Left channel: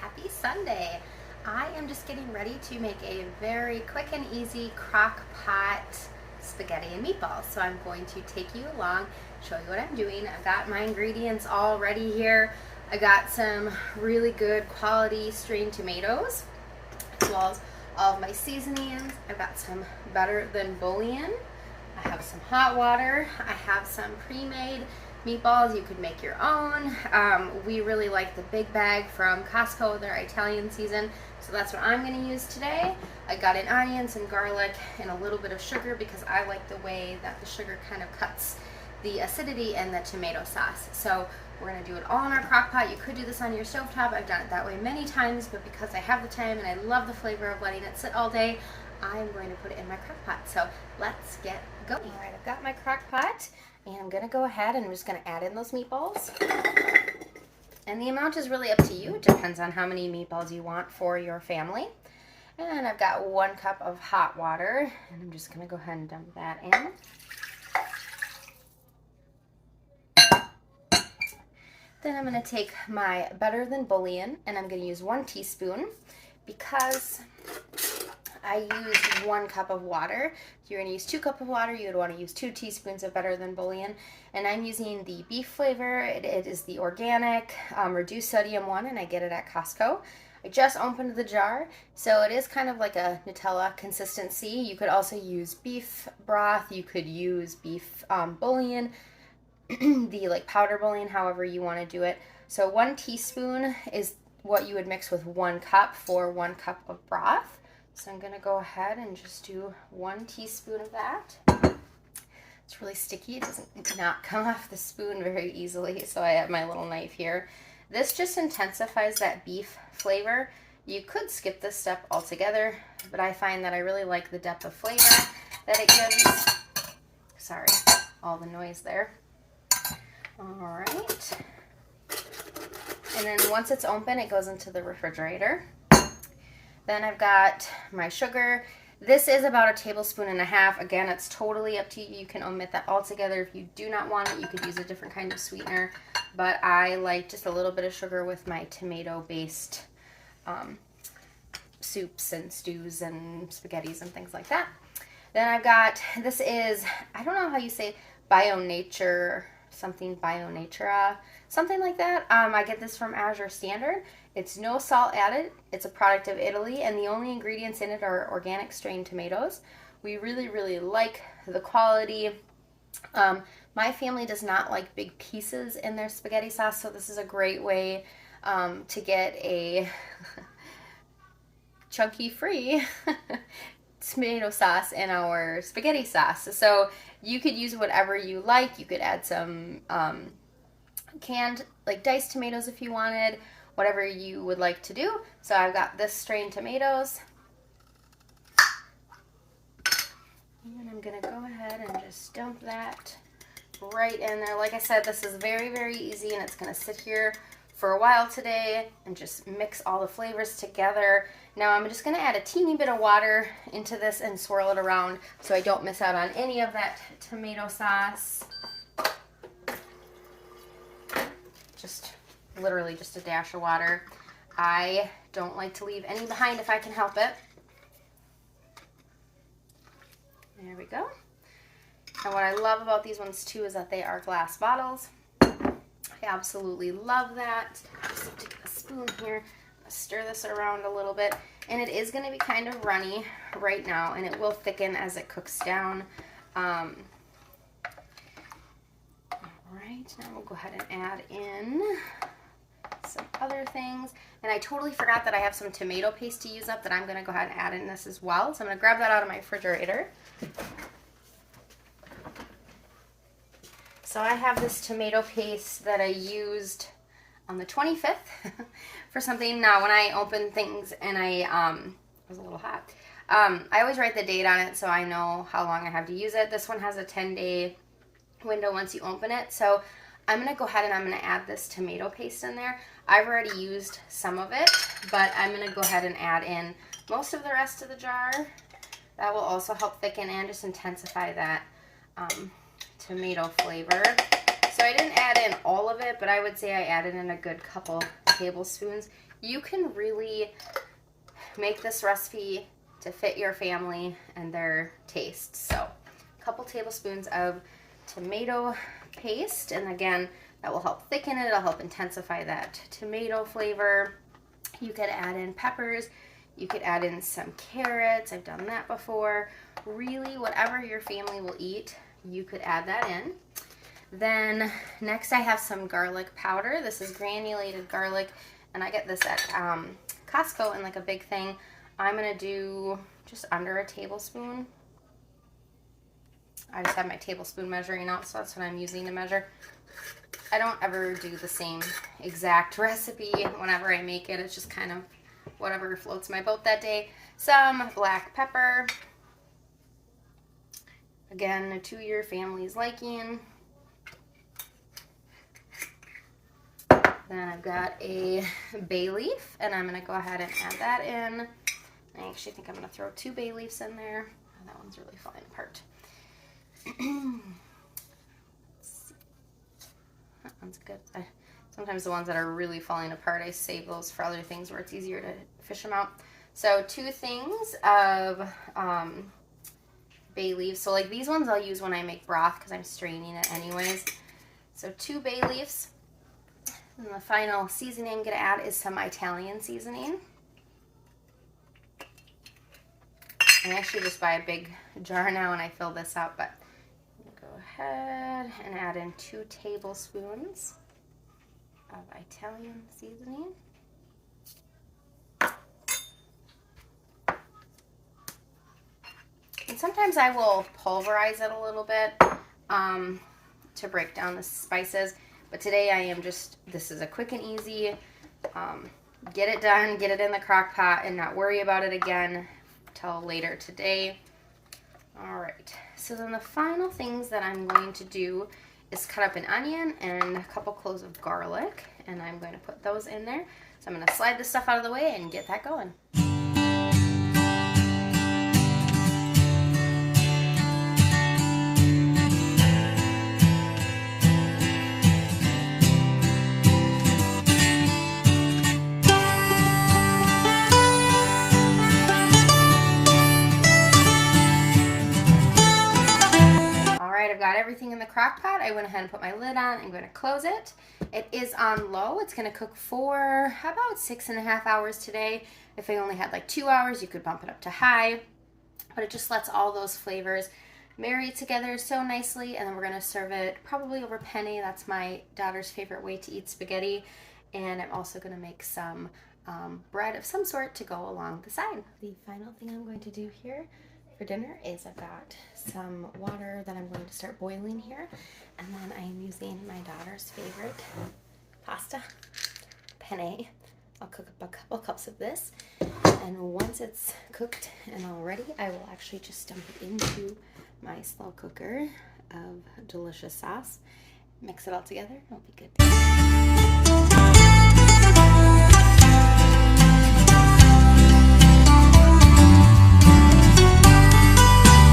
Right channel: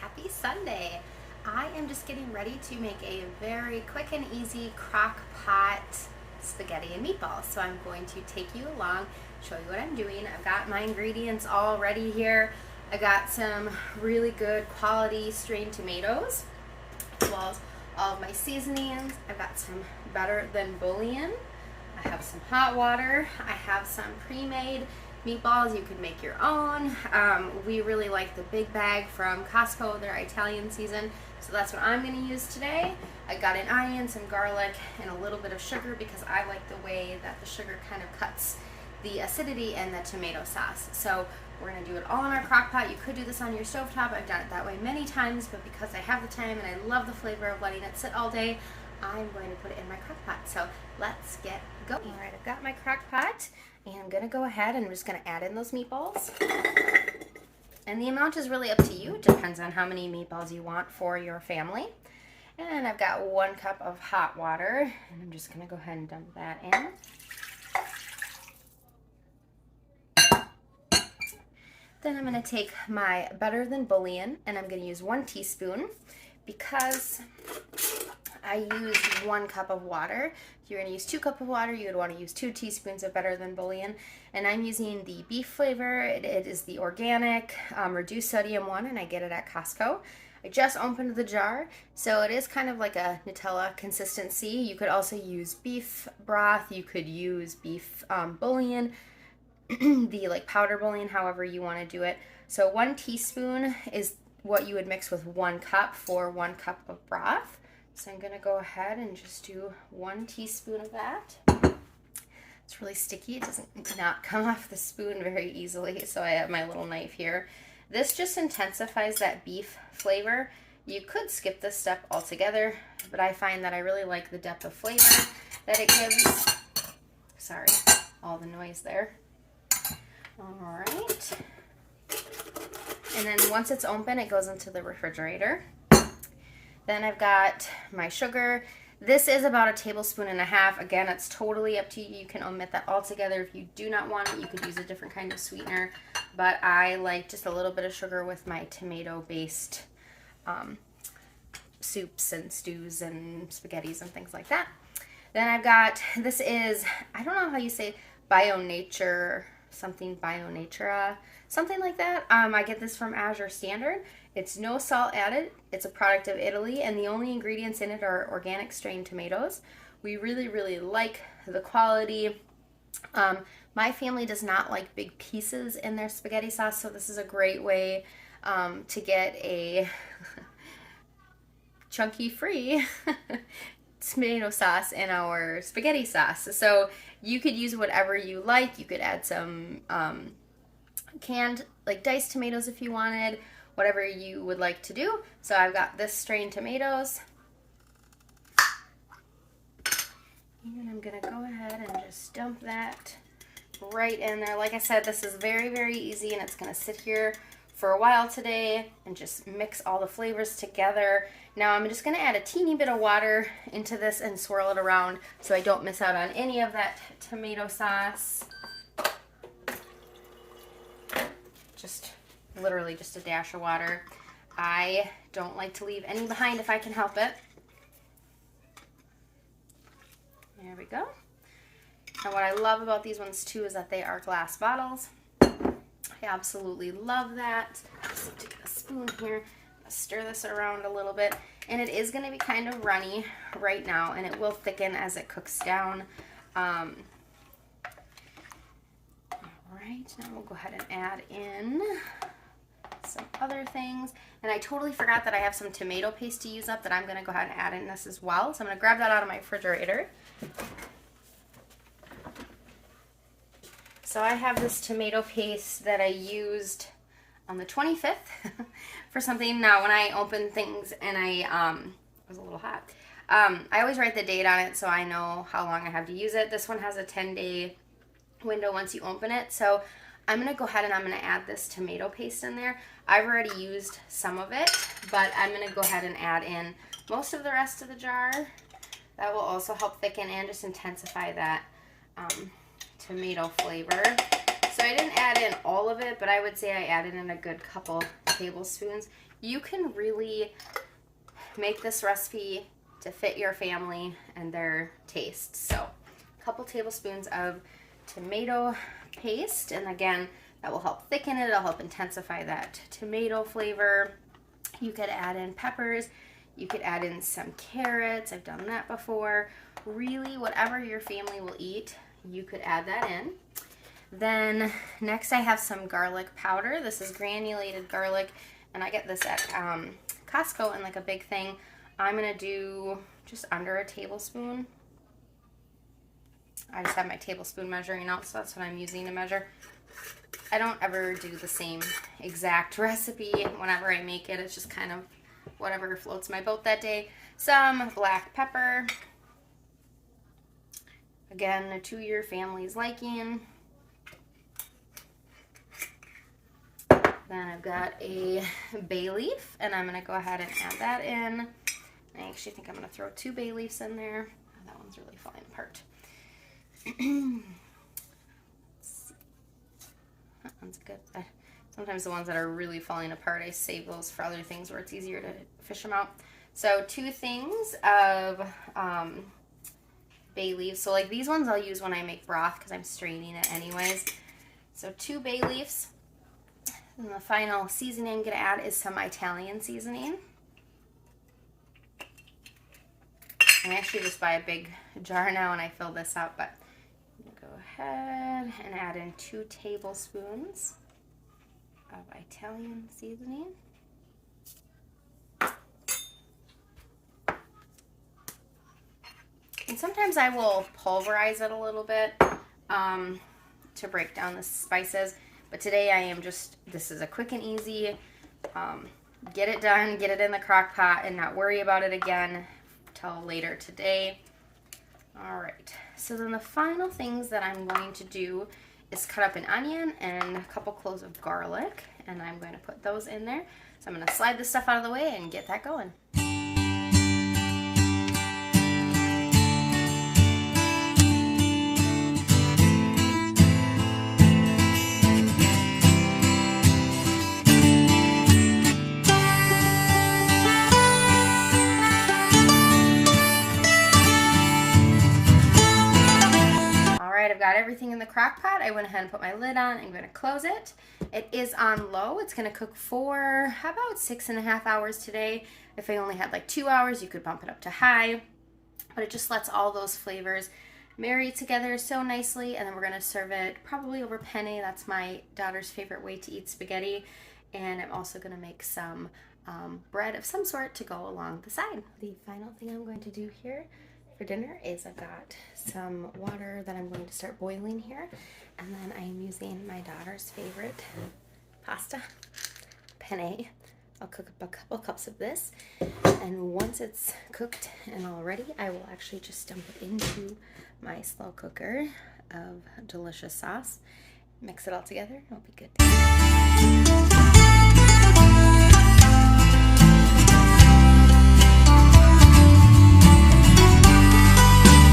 Happy Sunday. I am just getting ready to make a very quick and easy crock pot spaghetti and meatballs. So I'm going to take you along, show you what I'm doing. I've got my ingredients all ready here. I got some really good quality strained tomatoes, as well as all of my seasonings. I've got some better than bouillon. I have some hot water. I have some pre-made meatballs. You could make your own. We really like the big bag from Costco, their Italian season, so that's what I'm going to use today. I got in onions and garlic and a little bit of sugar because I like the way that the sugar kind of cuts the acidity in the tomato sauce. So we're going to do it all in our crock pot. You could do this on your stovetop. I've done it that way many times, but because I have the time and I love the flavor of letting it sit all day, I'm going to put it in my crock pot. So let's get going. All right, I've got my crock pot. And I'm going to go ahead and I'm just going to add in those meatballs. And the amount is really up to you. It depends on how many meatballs you want for your family. And I've got 1 cup of hot water. And I'm just going to go ahead and dump that in. Then I'm going to take my better than bouillon and I'm going to use 1 teaspoon because I used 1 cup of water. If you're going to use 2 cups of water, you would want to use 2 teaspoons of better than bouillon. And I'm using the beef flavor. It is the organic, reduced sodium one, and I get it at Costco. I just opened the jar, so it is kind of like a Nutella consistency. You could also use beef broth. You could use beef bouillon, the like powder bouillon, however you want to do it. So 1 teaspoon is what you would mix with 1 cup for 1 cup of broth. So I'm going to go ahead and just do 1 teaspoon of that. It's really sticky. It doesn't not come off the spoon very easily, so I have my little knife here. This just intensifies that beef flavor. You could skip this step altogether, but I find that I really like the depth of flavor that it gives. Sorry, all the noise there. All right. And then once it's open, it goes into the refrigerator. Then I've got my sugar. This is about 1.5 tablespoons. Again, it's totally up to you. You can omit that altogether. If you do not want it, you could use a different kind of sweetener. But I like just a little bit of sugar with my tomato-based soups and stews and spaghettis and things like that. Then I've got, this is, I don't know how you say, Bio Nature, something Bio Natura, something like that. I get this from Azure Standard. It's no salt added. It's a product of Italy, and the only ingredients in it are organic strained tomatoes. We really, really like the quality. My family does not like big pieces in their spaghetti sauce, so this is a great way to get a chunky free tomato sauce in our spaghetti sauce. So you could use whatever you like. You could add some canned, like diced tomatoes if you wanted, whatever you would like to do. So I've got this strained tomatoes. And I'm going to go ahead and just dump that right in there. Like I said, this is very, very easy, and it's going to sit here for a while today and just mix all the flavors together. Now I'm just going to add a teeny bit of water into this and swirl it around so I don't miss out on any of that tomato sauce. Just literally just a dash of water. I don't like to leave any behind if I can help it. There we go. And what I love about these ones too is that they are glass bottles. I absolutely love that. Just take a spoon here, stir this around a little bit, and it is going to be kind of runny right now, and it will thicken as it cooks down. All right, now we'll go ahead and add in some other things. And I totally forgot that I have some tomato paste to use up that I'm going to go ahead and add in this as well. So I'm going to grab that out of my refrigerator. So I have this tomato paste that I used on the 25th for something. Now when I open things and it was a little hot, I always write the date on it so I know how long I have to use it. This one has a 10-day window once you open it. So I'm going to go ahead and I'm going to add this tomato paste in there. I've already used some of it, but I'm going to go ahead and add in most of the rest of the jar. That will also help thicken and just intensify that tomato flavor. So I didn't add in all of it, but I would say I added in a good couple tablespoons. you can really make this recipe to fit your family and their taste. So a couple tablespoons of tomato paste, and again, that will help thicken it. It'll help intensify that tomato flavor. You could add in peppers. You could add in some carrots. I've done that before. Really, whatever your family will eat, you could add that in. Then next I have some garlic powder. This is granulated garlic, and I get this at Costco in like a big thing. I'm gonna do just under a tablespoon. I just have my tablespoon measuring out, so that's what I'm using to measure. I don't ever do the same exact recipe whenever I make it. It's just kind of whatever floats my boat that day. Some black pepper. Again, to your family's liking. Then I've got a bay leaf, and I'm going to go ahead and add that in. I actually think I'm going to throw 2 bay leaves in there. Oh, that one's really falling apart. That one's good. Sometimes the ones that are really falling apart, I save those for other things where it's easier to fish them out. So 2 things of bay leaves. So like these ones I'll use when I make broth because I'm straining it anyways. So 2 bay leaves. And the final seasoning I'm going to add is some Italian seasoning. I actually just buy a big jar now and I fill this up, but I'm going to go ahead and add in 2 tablespoons of Italian seasoning. And sometimes I will pulverize it a little bit to break down the spices. But today I am just, this is a quick and easy, get it done, get it in the crock pot and not worry about it again till later today. All right, so then the final things that I'm going to do is cut up an onion and a couple cloves of garlic, and I'm going to put those in there. So I'm going to slide this stuff out of the way and get that going. I've got everything in the crock pot. I went ahead and put my lid on. I'm going to close it. It is on low. It's going to cook for about 6.5 hours today. If I only had like 2 hours, you could bump it up to high. But it just lets all those flavors marry together so nicely. And then we're going to serve it probably over penne. That's my daughter's favorite way to eat spaghetti. And I'm also going to make some bread of some sort to go along the side. The final thing I'm going to do here for dinner is I've got some water that I'm going to start boiling here, and then I'm using my daughter's favorite pasta, penne. I'll cook up a couple cups of this, and once it's cooked and all ready, I will actually just dump it into my slow cooker of delicious sauce, mix it all together, it'll be good.